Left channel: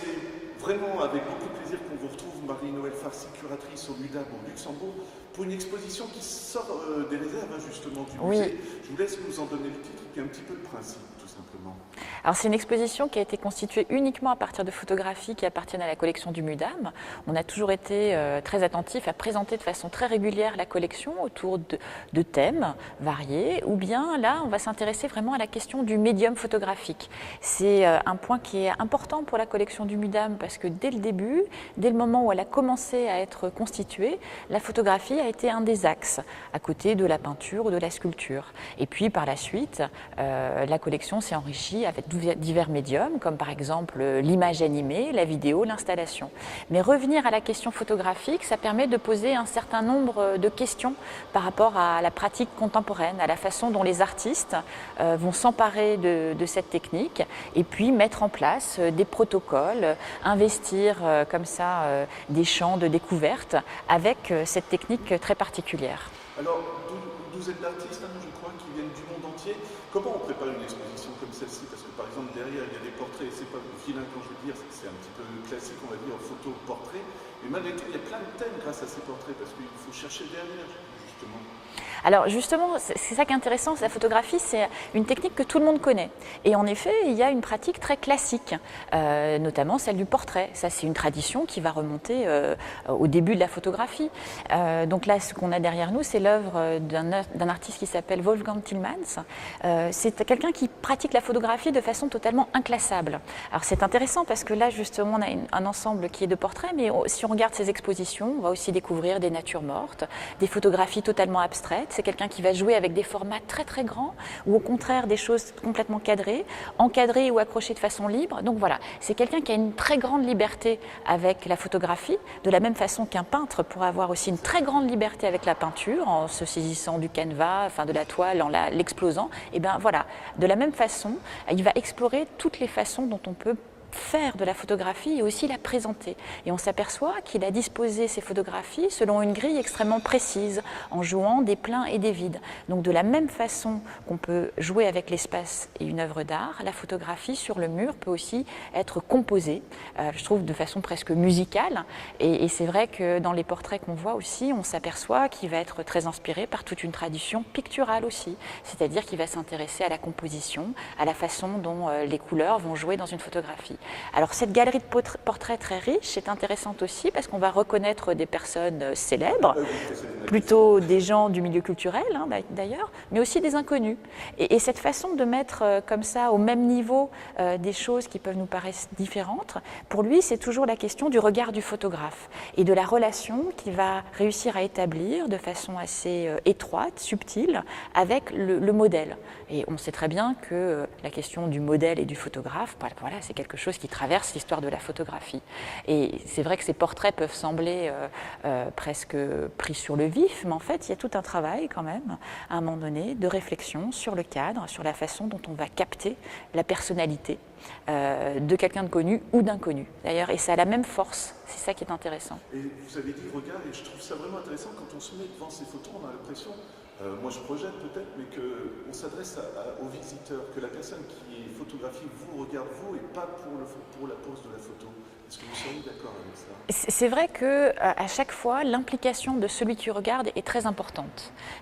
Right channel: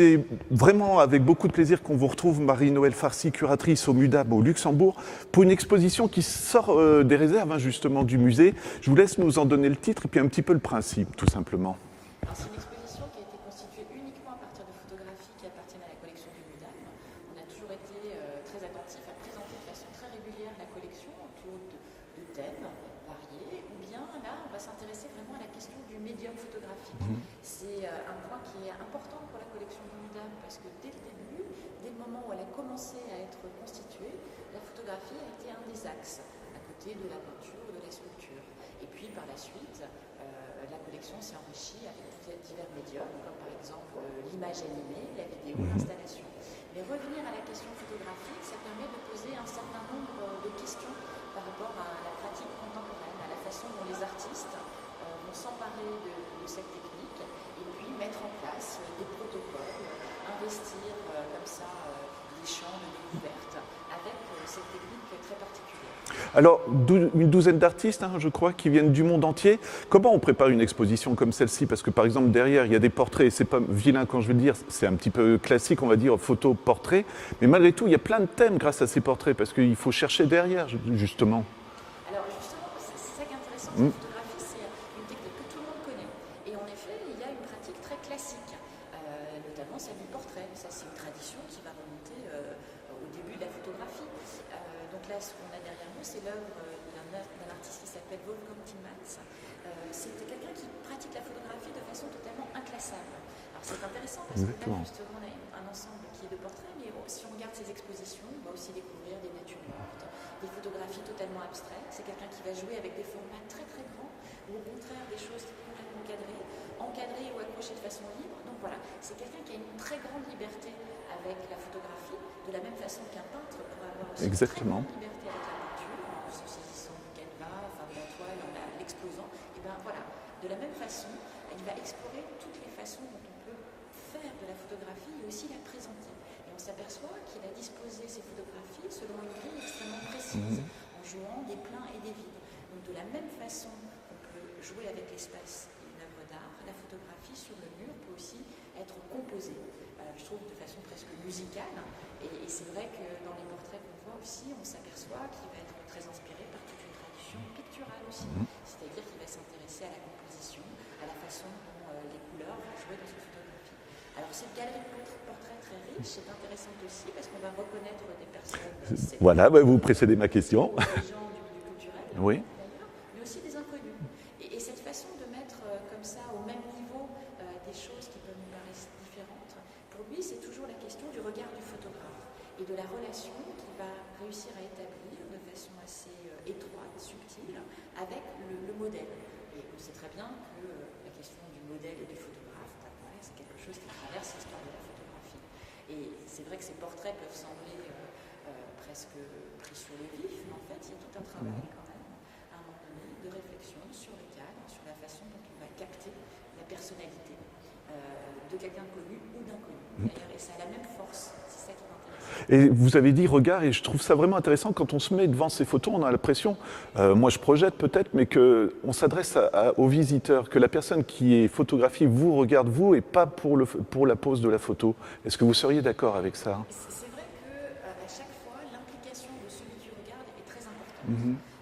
c'est vraiment avec beaucoup de plaisir qu'on vous retrouve, Marie-Noëlle Farcy, curatrice au MUDAM au Luxembourg, pour une exposition qui sort des réserves justement du musée. Je vous laisse nous en donner le titre et puis un petit peu le principe, tout simplement. Alors c'est une exposition qui a été constituée uniquement à partir de photographies qui appartiennent à la collection du MUDAM. On a toujours été très attentif à présenter de façon très régulière la collection autour de thèmes variés, ou bien là on va s'intéresser vraiment à la question du médium photographique. C'est un point qui est important pour la collection du MUDAM parce que dès le début, dès le moment où elle a commencé à être constituée, la photographie a été un des axes, à côté de la peinture ou de la sculpture. Et puis par la suite, la collection s'est enrichie avec divers médiums, comme par exemple l'image animée, la vidéo, l'installation. Mais revenir à la question photographique, ça permet de poser un certain nombre de questions par rapport à la pratique contemporaine, à la façon dont les artistes vont s'emparer de cette technique et puis mettre en place des protocoles, investir comme ça des champs de découverte avec cette technique très particulière. Alors, une douzaine d'artistes, je crois, qui viennent du monde entier. Comment on prépare une exposition comme celle-ci? Parce que par exemple, derrière, il y a des portraits, et c'est pas vilain quand je veux le dire, c'est un petit peu classique, on va dire, photo-portrait. Mais malgré tout, il y a plein de thèmes grâce à ces portraits, parce qu'il faut chercher derrière, justement. Alors justement, c'est ça qui est intéressant, la photographie, c'est une technique que tout le monde connaît. Et en effet, il y a une pratique très classique, notamment celle du portrait. Ça, c'est une tradition qui va remonter au début de la photographie. Donc là, ce qu'on a derrière nous, c'est l'œuvre d'un artiste qui s'appelle Wolfgang Tillmans. C'est quelqu'un qui pratique la photographie de façon totalement inclassable. Alors c'est intéressant parce que là, justement, on a un ensemble qui est de portraits, mais si on regarde ses expositions, on va aussi découvrir des natures mortes, des photographies totalement abstraites. C'est quelqu'un qui va jouer avec des formats très très grands ou au contraire des choses complètement cadrées, encadrées ou accrochées de façon libre. Donc voilà, c'est quelqu'un qui a une très grande liberté avec la photographie, de la même façon qu'un peintre pourrait avoir aussi une très grande liberté avec la peinture, en se saisissant du canevas, enfin de la toile, en l'explosant. Et bien voilà, de la même façon, il va explorer toutes les façons dont on peut faire de la photographie et aussi la présenter. Et on s'aperçoit qu'il a disposé ses photographies selon une grille extrêmement précise, en jouant des pleins et des vides. Donc de la même façon qu'on peut jouer avec l'espace et une œuvre d'art, la photographie sur le mur peut aussi être composée, je trouve de façon presque musicale. Et c'est vrai que dans les portraits qu'on voit aussi, on s'aperçoit qu'il va être très inspiré par toute une tradition picturale aussi. C'est-à-dire qu'il va s'intéresser à la composition, à la façon dont les couleurs vont jouer dans une photographie. Alors cette galerie de portraits très riche est intéressante aussi parce qu'on va reconnaître des personnes célèbres, voilà, vous précédez ma question. plutôt des gens du milieu culturel d'ailleurs, mais aussi des inconnus. Et cette façon de mettre comme ça au même niveau des choses qui peuvent nous paraître différentes, pour lui c'est toujours la question du regard du photographe et de la relation qu'il va réussir à établir de façon assez étroite, subtile, avec le modèle. Et on sait très bien que la question du modèle et du photographe, voilà, c'est quelque chose qui traverse l'histoire de la photographie. Et c'est vrai que ces portraits peuvent sembler presque pris sur le vif, mais en fait, il y a tout un travail quand même, à un moment donné, de réflexion sur le cadre, sur la façon dont on va capter la personnalité de quelqu'un de connu ou d'inconnu. D'ailleurs, et ça a la même force, c'est ça qui est intéressant. Et vous avez dit regard, et je trouve ça vraiment intéressant quand on se met devant ces photos, on a l'impression, moi je projette peut-être, mais qu'on s'adresse aux visiteurs, que la personne qui est photographiée vous regarde vous et pas pour la pose de la photo. Est-ce que vous seriez d'accord avec ça? C'est vrai qu'à chaque fois, l'implication de celui qui regarde est très importante,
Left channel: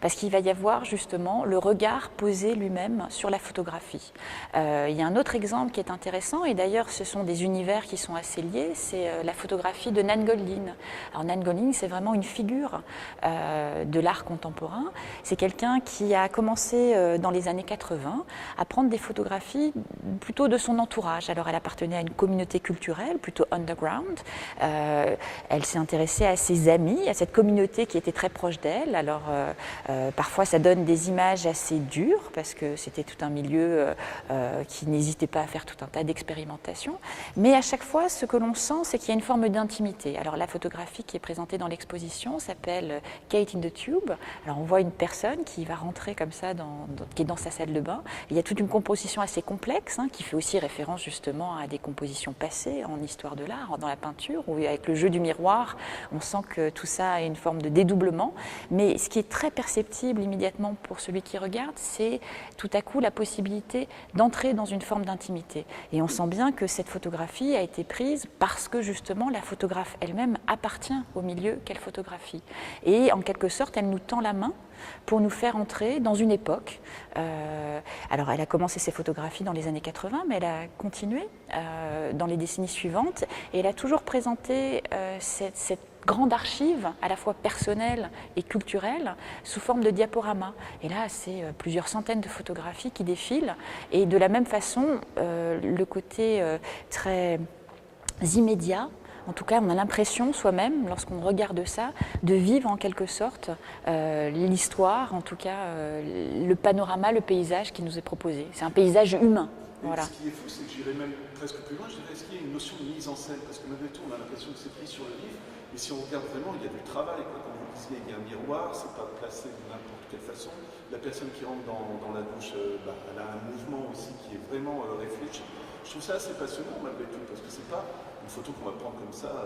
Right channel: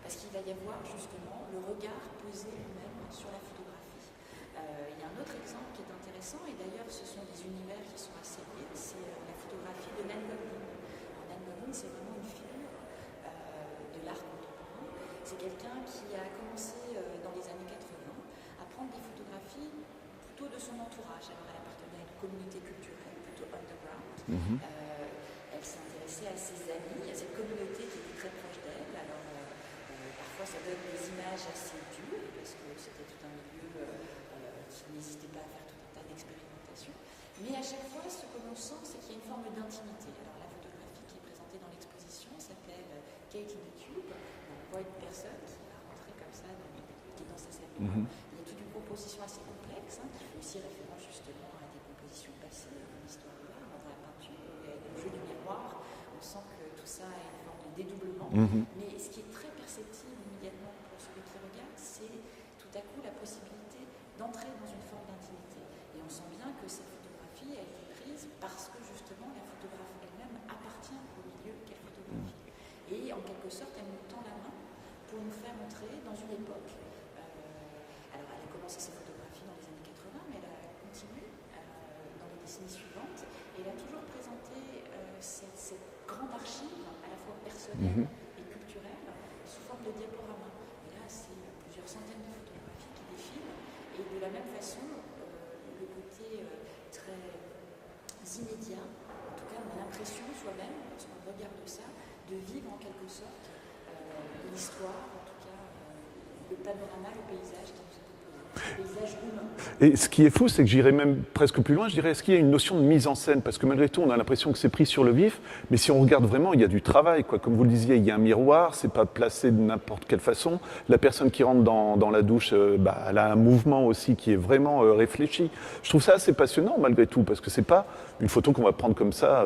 parce qu'il va y avoir justement le regard posé lui-même sur la photographie. Il y a un autre exemple qui est intéressant, et d'ailleurs ce sont des univers qui sont assez liés, c'est la photographie de Nan Goldin. Alors Nan Goldin, c'est vraiment une figure de l'art contemporain. C'est quelqu'un qui a commencé dans les années 80 à prendre des photographies plutôt de son entourage. Alors elle appartenait à une communauté culturelle plutôt underground. Elle s'est intéressée à ses amis, à cette communauté qui était très proche d'elle. Alors parfois ça donne des images assez dures parce que c'était tout un milieu qui n'hésitait pas à faire tout un tas d'expérimentations. Mais à chaque fois, ce que l'on sent, c'est qu'il y a une forme d'intimité. Alors la photographie qui est présentée dans l'exposition s'appelle Kate in the Tube. Alors on voit une personne qui va rentrer comme ça, qui est dans sa salle de bain. Il y a toute une composition assez complexe qui fait aussi référence justement à des compositions passées en histoire de l'art, dans la peinture, où avec le jeu du miroir, on sent que tout ça a une forme de dédoublement. Mais ce qui est très perceptible immédiatement pour celui qui regarde, c'est tout à coup la possibilité d'entrer dans une forme d'intimité. Et on sent bien que cette photographie a été prise parce que justement la photographe elle-même appartient au milieu qu'elle photographie. Et en quelque sorte, elle nous tend la main pour nous faire entrer dans une époque. Alors elle a commencé ses photographies dans les années 80, mais elle a continué dans les décennies suivantes et elle a toujours présenté cette grande archive, à la fois personnelle et culturelle, sous forme de diaporama. Et là, c'est plusieurs centaines de photographies qui défilent. Et de la même façon, le côté très immédiat, en tout cas, on a l'impression soi-même, lorsqu'on regarde ça, de vivre en quelque sorte l'histoire, en tout cas le panorama, le paysage qui nous est proposé. C'est un paysage humain. Et Voilà. ce qui est fou, c'est que j'irais même presque plus loin, je dirais, est-ce qu'il y a une notion de mise en scène? Parce que malgré tout, on a l'impression que c'est pris sur le vif, mais si on regarde vraiment, il y a du travail, quoi. Comme vous le disiez, il y a un miroir, c'est pas placé de n'importe quelle façon. La personne qui rentre dans la douche, elle a un mouvement aussi qui est vraiment réfléchi. Je trouve ça assez passionnant malgré tout, parce que c'est pas une photo qu'on va prendre comme ça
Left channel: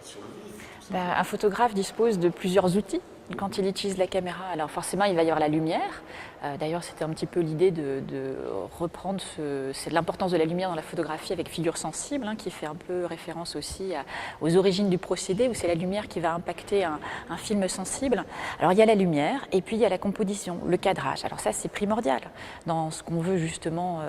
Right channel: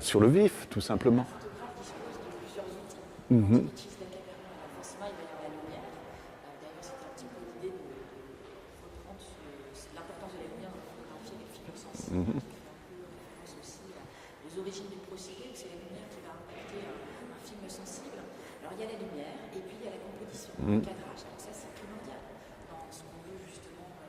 sur le vif, tout simplement. Un photographe dispose de plusieurs outils quand il utilise la caméra. Alors forcément, il va y avoir la lumière. D'ailleurs, c'était un petit peu l'idée de reprendre c'est l'importance de la lumière dans la photographie avec figure sensible, qui fait un peu référence aussi aux origines du procédé, où c'est la lumière qui va impacter un film sensible. Alors il y a la lumière et puis il y a la composition, le cadrage. Alors ça, c'est primordial dans ce qu'on veut justement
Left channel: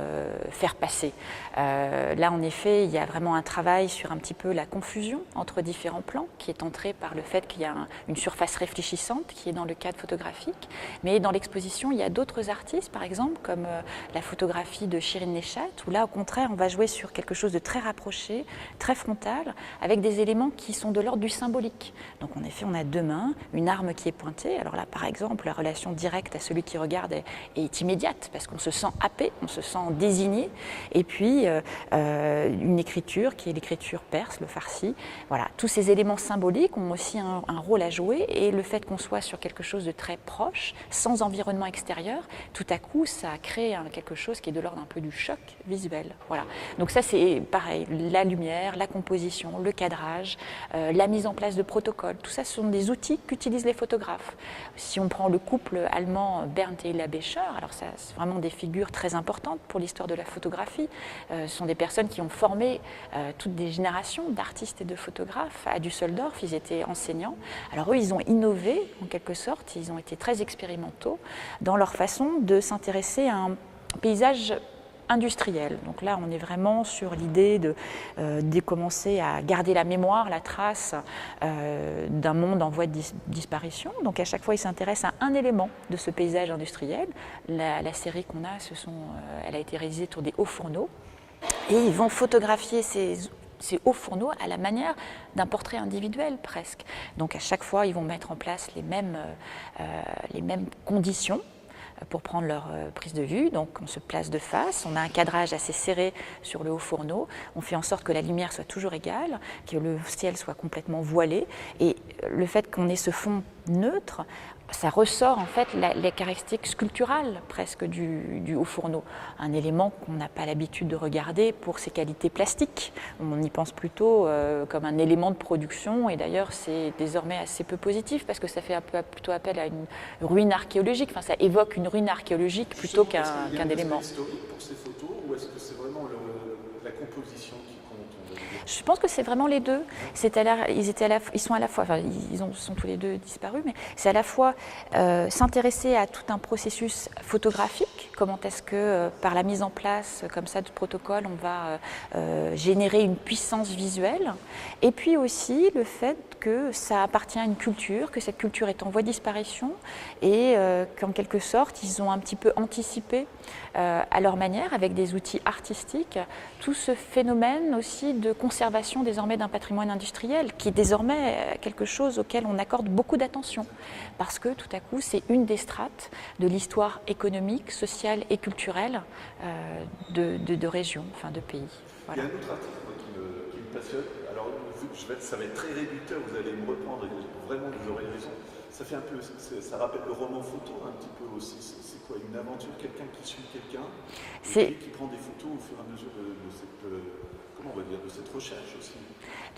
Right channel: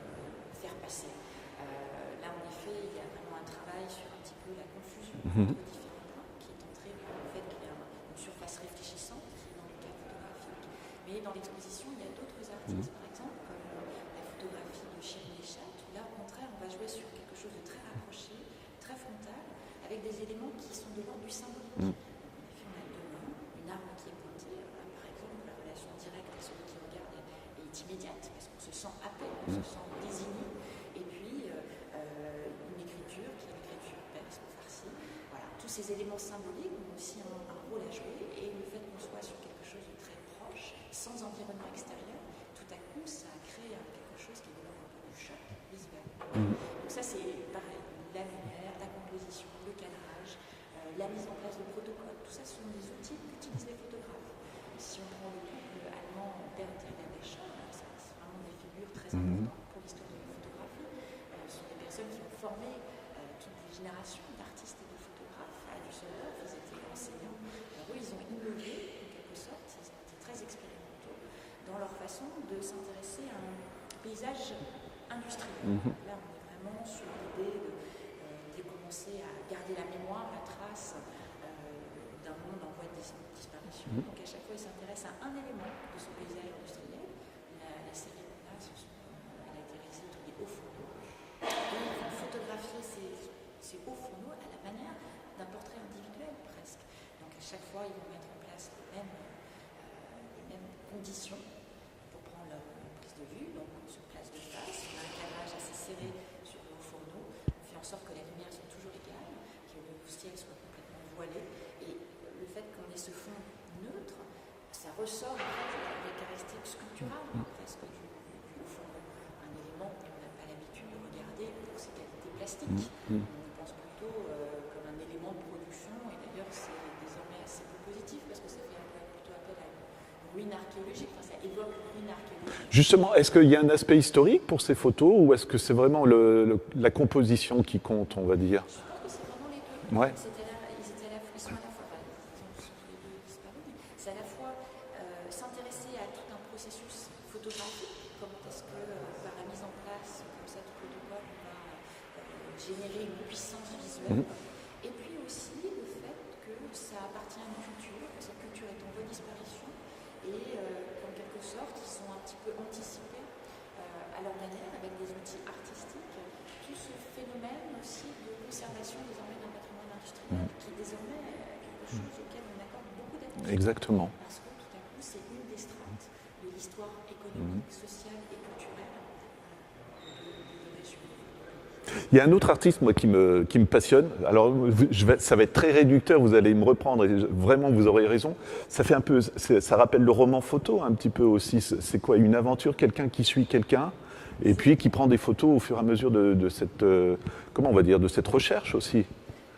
faire passer. Là, en effet, il y a vraiment un travail sur un petit peu la confusion entre différents plans, qui est entrée par le fait qu'il y a une surface réfléchissante qui est dans le cadre photographique. Mais dans l'exposition, il y a d'autres artistes, par exemple, comme la photographie de Shirin Neshat, où là, au contraire, on va jouer sur quelque chose de très rapproché, très frontal, avec des éléments qui sont de l'ordre du symbolique. Donc, en effet, on a deux mains, une arme qui est pointée. Alors là, par exemple, la relation directe à celui qui regarde est immédiate, parce qu'on se sent happé, on se sent désigné. Et puis, une écriture qui est l'écriture perse, le farsi. Voilà, tous ces éléments symboliques ont aussi un rôle à jouer, et le fait qu'on soit sur quelque chose de très proche, sans environnement extérieur, tout à coup, ça crée quelque chose qui est de l'ordre un peu du choc visuel. Voilà. Donc ça, c'est pareil, la lumière, la composition, le cadrage, la mise en place de protocoles. Tout ça, ce sont des outils qu'utilisent les photographes. Si on prend le couple allemand Berndt et Hilla Becher, alors ça, c'est vraiment des figures très importantes pour l'histoire de la photographie. Ce sont des personnes qui ont formé toutes des générations d'artistes et de photographes à Düsseldorf. Ils étaient enseignants. Alors eux, ils ont innové en quelque sorte. Ils ont été très expérimentaux dans leur façon de s'intéresser à un paysage industriel. Donc là, on est vraiment sur l'idée de commencer à garder la mémoire, la trace d'un monde en voie de disparition. Donc à chaque fois, ils s'intéressent à un élément de ce paysage industriel. La série qu'on a, elle a été réalisée sur des hauts fourneaux. Et ils vont photographier ces hauts fourneaux à la manière d'un portrait individuel presque. Donc à chaque fois, ils vont mettre en place les mêmes conditions pour prendre leur prise de vue. Donc on se place de face, on a un cadrage assez serré sur le haut fourneau, on fait en sorte que la lumière soit toujours égale, que le ciel soit complètement voilé, et le fait qu'on ait ce fond neutre, ça ressort en fait les caractéristiques sculpturales presque du haut fourneau, un élément qu'on n'a pas l'habitude de regarder pour ses qualités plastiques. On y pense plutôt comme un élément de production, et d'ailleurs c'est désormais assez peu positif parce que ça fait plutôt appel à une ruine archéologique, enfin ça évoque une ruine archéologique. Justement, est-ce qu'il y a un aspect élément historique pour ces photos, ou est-ce que c'est vraiment la composition qui compte, on va dire? Je pense que c'est vraiment les deux. Ouais. Ils sont à la fois, enfin, sont tous les deux disparus, mais c'est à la fois s'intéresser à tout un processus photographique, comment est-ce que par la mise en place comme ça de protocoles, on va générer une puissance visuelle, et puis aussi le fait que ça appartient à une culture, que cette culture est en voie de disparition, et qu'en quelque sorte, ils ont un petit peu anticipé à leur manière, avec des outils artistiques, tout ce phénomène aussi de conservation désormais d'un patrimoine industriel, qui est désormais quelque chose auquel on accorde beaucoup d'attention. Exactement. Parce que tout à coup, c'est une des strates de l'histoire économique, sociale et culturelle de régions, enfin de pays. Il y a un autre artiste, moi, qui me passionne. Alors, ça va être très réducteur, vous allez me reprendre, et vraiment, vous aurez raison. Ça fait un peu, ça rappelle le roman photo, un petit peu aussi. C'est quoi, une aventure, quelqu'un qui suit quelqu'un, et puis qui prend des photos au fur et à mesure de cette, comment on va dire, de cette recherche aussi.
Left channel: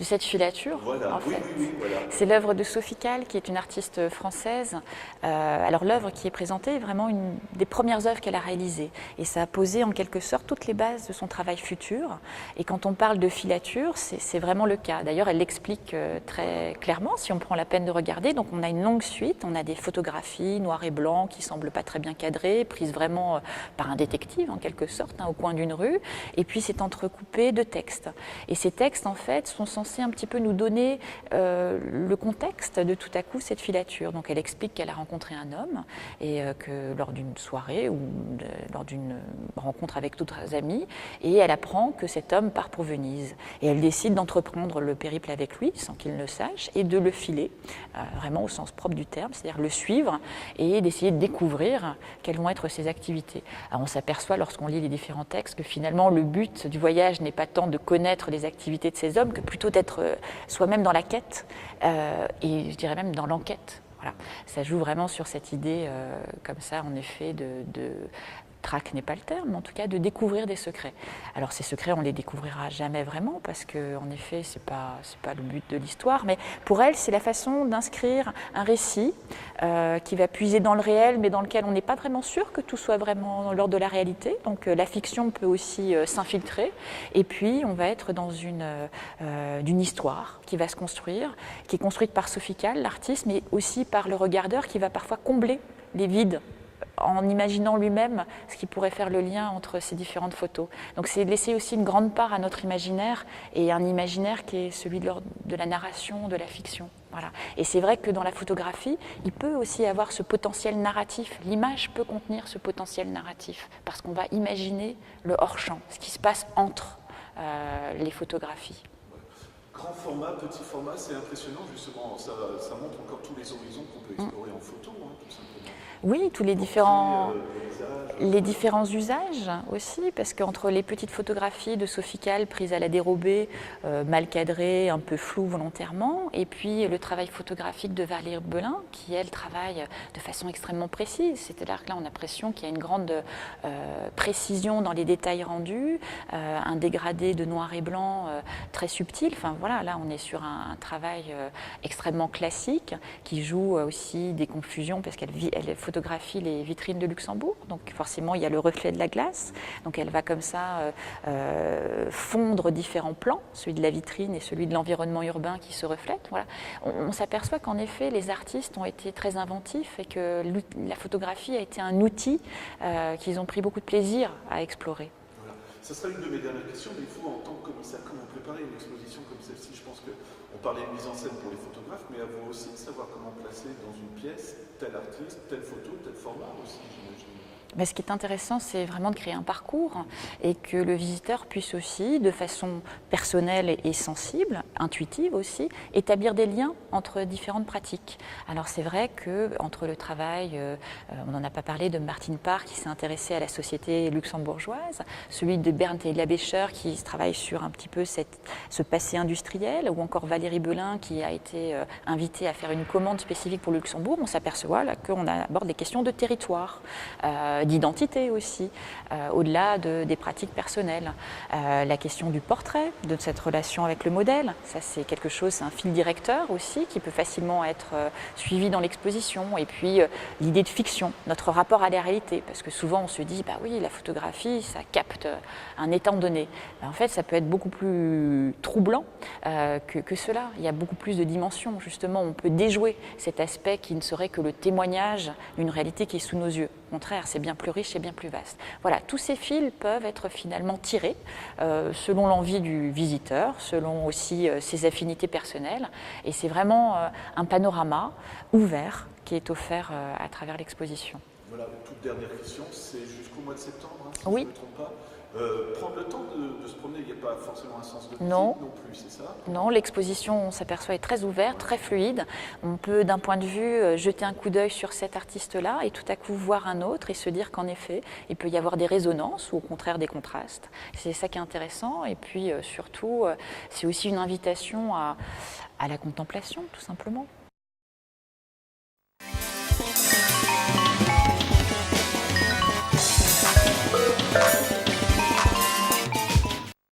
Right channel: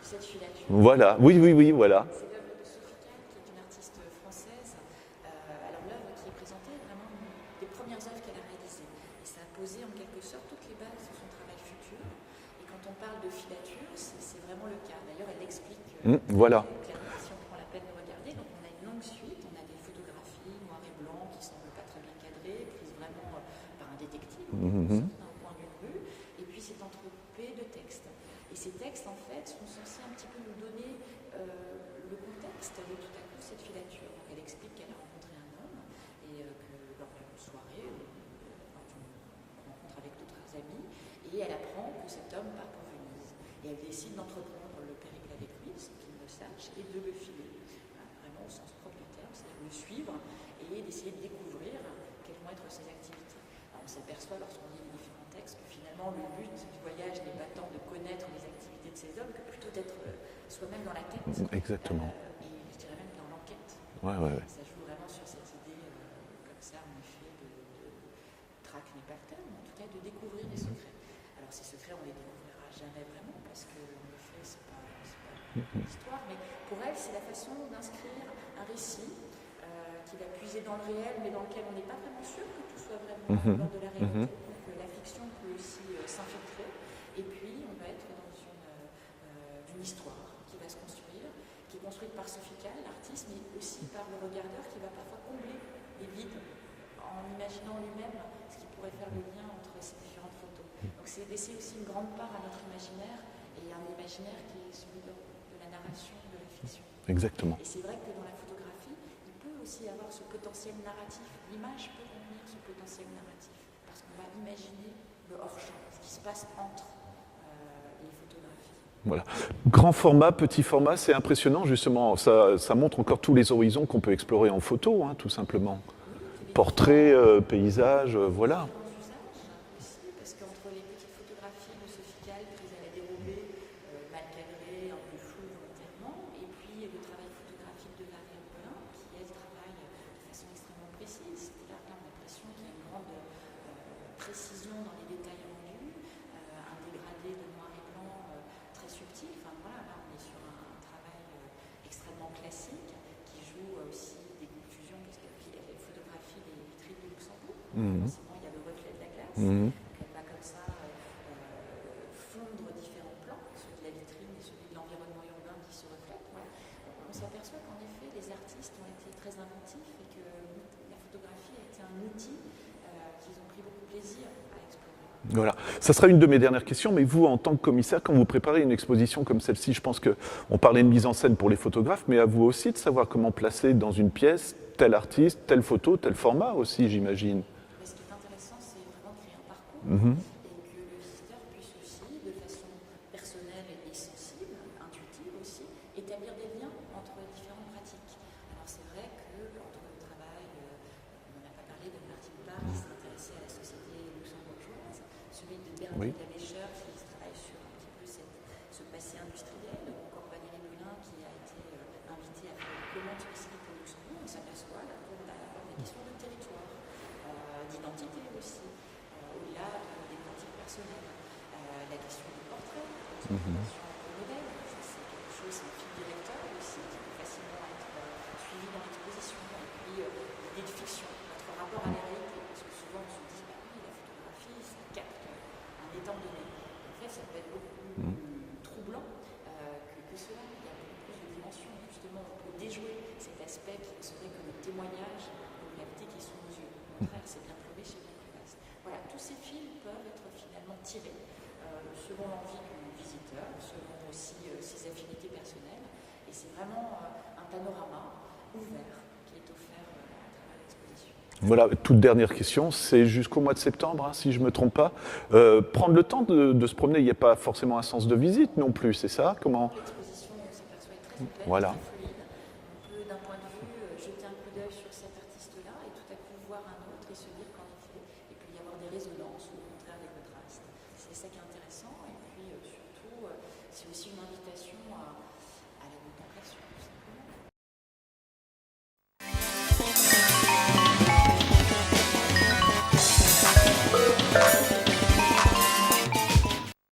de cette filature. Voilà, oui, voilà. C'est l'œuvre de Sophie Calle, qui est une artiste française. Alors l'œuvre qui est présentée est vraiment une des premières œuvres qu'elle a réalisées. Et ça a posé en quelque sorte toutes les bases de son travail futur. Et quand on parle de filature, c'est vraiment le cas. D'ailleurs, elle l'explique très clairement, si on prend la peine de regarder. Donc on a une longue suite, on a des photographies noir et blanc qui ne semblent pas très bien cadrées, prises vraiment par un détective en quelque sorte, au coin d'une rue. Et puis c'est entrecoupé de textes. Et ces textes, en fait, sont censés un petit peu nous donner le contexte de tout à coup cette filature. Donc elle explique qu'elle a rencontré un homme et que lors d'une soirée ou lors d'une rencontre avec d'autres amis, et elle apprend que cet homme part pour Venise. Et elle décide d'entreprendre le périple avec lui sans qu'il ne le sache et de le filer, vraiment au sens propre du terme, c'est-à-dire le suivre et d'essayer de découvrir quelles vont être ses activités. Alors on s'aperçoit lorsqu'on lit les différents textes que finalement le but du voyage n'est pas tant de connaître les activités de ces hommes que plutôt d'être soi-même dans la quête et je dirais même dans l'enquête. Voilà. Ça joue vraiment sur cette idée comme ça en effet de traque n'est pas le terme, mais en tout cas de découvrir des secrets. Alors ces secrets, on ne les découvrira jamais vraiment parce qu'en effet, ce n'est pas le but de l'histoire, mais pour elle, c'est la façon d'inscrire un récit qui va puiser dans le réel, mais dans lequel on n'est pas vraiment sûr que tout soit vraiment l'ordre de la réalité. Donc la fiction peut aussi s'infiltrer, et puis on va être dans d'une histoire qui va se construire, qui est construite par Sophie Calle, l'artiste, mais aussi par le regardeur qui va parfois combler les vides en imaginant lui-même ce qui pourrait faire le lien entre ces différentes photos. Donc c'est laisser aussi une grande part à notre imaginaire, et un imaginaire qui est celui de la narration, de la fiction. Voilà. Et c'est vrai que dans la photographie, il peut aussi avoir ce potentiel narratif. L'image peut contenir ce potentiel narratif, parce qu'on va imaginer le hors-champ, ce qui se passe entre les photographies. Voilà. Grand format, petit format, c'est impressionnant justement. Ça montre encore tous les horizons qu'on peut explorer en photo, tout simplement. Oui, tous les portraits, paysages. Les différents usages aussi, parce qu'entre les petites photographies de Sophie Calle prises à la dérobée, mal cadrées, un peu floues volontairement, et puis le travail photographique de Valérie Belin, qui elle travaille de façon extrêmement précise. C'est-à-dire que là, on a l'impression qu'il y a une grande précision dans les détails rendus, un dégradé de noir et blanc très subtil. Enfin voilà, là on est sur un travail extrêmement classique qui joue aussi des confusions parce qu'elle photographie les vitrines de Luxembourg. Donc forcément il y a le reflet de la glace. Donc elle va comme ça fondre différents plans, celui de la vitrine et celui de l'environnement urbain qui se reflètent. Voilà. On s'aperçoit qu'en effet les artistes ont été très inventifs et que la photographie a été un outil qu'ils ont pris beaucoup de plaisir à explorer. Voilà. Ça sera une de mes dernières questions, mais vous en tant que commissaire, quand vous préparez une exposition comme celle-ci, je pense qu'on parlait de mise en scène pour les photographes, mais à vous aussi de savoir comment placer dans une pièce tel artiste, telle photo, tel format aussi, j'imagine. Mais ce qui est intéressant, c'est vraiment de créer un parcours et que le visiteur puisse aussi, de façon personnelle et sensible, intuitive aussi, établir des liens entre différentes pratiques. Alors c'est vrai qu'entre le travail, on n'en a pas parlé, de Martine Parr qui s'est intéressée à la société luxembourgeoise, celui de Bernd Eila-Becher qui travaille sur un petit peu ce passé industriel, ou encore Valérie Belin qui a été invitée à faire une commande spécifique pour le Luxembourg, on s'aperçoit là qu'on aborde des questions de territoire, d'identité aussi, au-delà des pratiques personnelles. La question du portrait, de cette relation avec le modèle, ça c'est quelque chose, c'est un fil directeur aussi qui peut facilement être suivi dans l'exposition. Et puis l'idée de fiction, notre rapport à la réalité, parce que souvent on se dit, bah oui, la photographie, ça capte un état donné. Ben, en fait, ça peut être beaucoup plus troublant que cela. Il y a beaucoup plus de dimensions, justement. On peut déjouer cet aspect qui ne serait que le témoignage d'une réalité qui est sous nos yeux. Au contraire, c'est bien plus riche et bien plus vaste. Voilà, tous ces fils peuvent être finalement tirés selon l'envie du visiteur, selon aussi ses affinités personnelles. Et c'est vraiment un panorama ouvert qui est offert à travers l'exposition. Voilà, toute dernière question, c'est jusqu'au mois de septembre, si je ne me trompe pas. Prendre le temps de se promener, il n'y a pas forcément un sens de visite non plus, c'est ça? Non, l'exposition, on s'aperçoit, est très ouverte, très fluide. On peut, d'un point de vue, jeter un coup d'œil sur cet artiste-là et tout à coup voir un autre et se dire qu'en effet, il peut y avoir des résonances ou au contraire des contrastes. C'est ça qui est intéressant. Et puis, surtout, c'est aussi une invitation à la contemplation, tout simplement.